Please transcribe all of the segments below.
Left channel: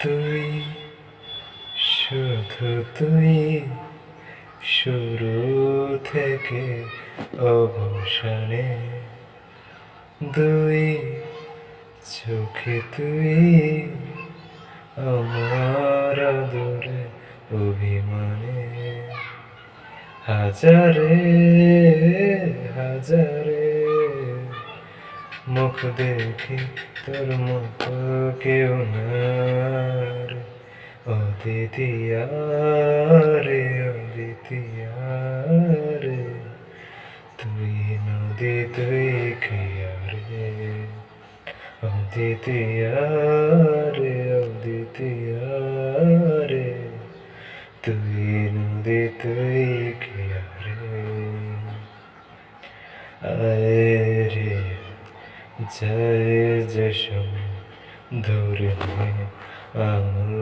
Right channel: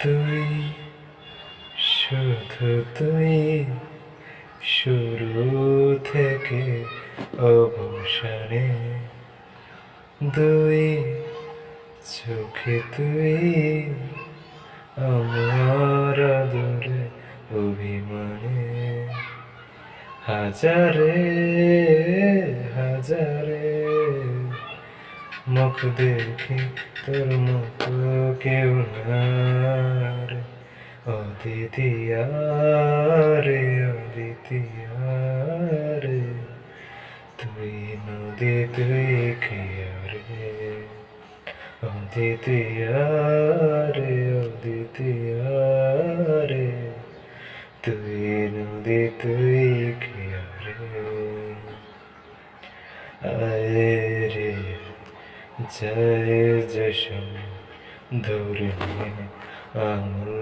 তুই শুধু তুই শুরু থেকে অবসানে দুই চোখে তুই আমার আদরে অভিমানে হাজারে হাজারে মুখ দেখি তোর মতো কেউ না রে অদ্বিতীয়া রে অদ্বিতীয়া রে তুই নদী তুই খেয়া রে অদ্বিতীয়া রে অদ্বিতীয়া রে তুই নদী তুই খেয়া রে আয় রে জয় জশম ধরে আঙুল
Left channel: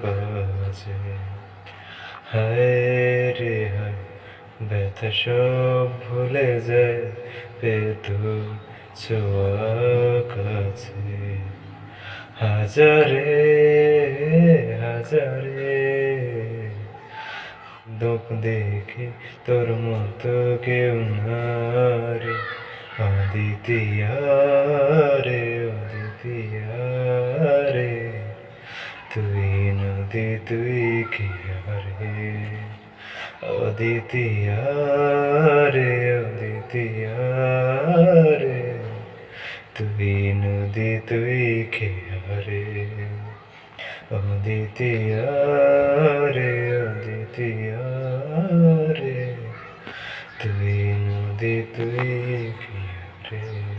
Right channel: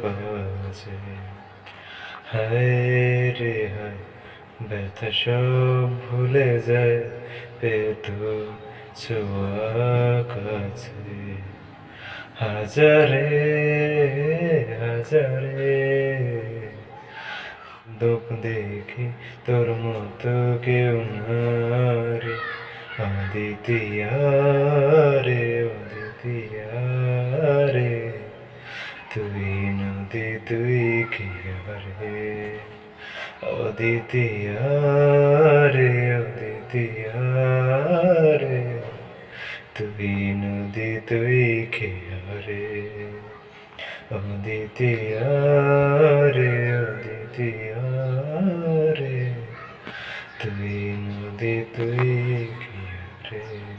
বাজে হায় রে হায় ব্যথা সব ভুলে যায় পেতো ছোঁয়া কাছে হাজারে হাজারে দুঃখ দেখি তোর মতো কেউ না রে অদ্বিতীয়া রে অদ্বিতীয়া রে তুই নদী তুই খেয়া রে অদ্বিতীয়া রে অদ্বিতীয়া রে তুই নদী তুই খেয়া রে অদ্বিতীয়া রে অদ্বিতীয়া রে তুই নদী তুই খেয়া রে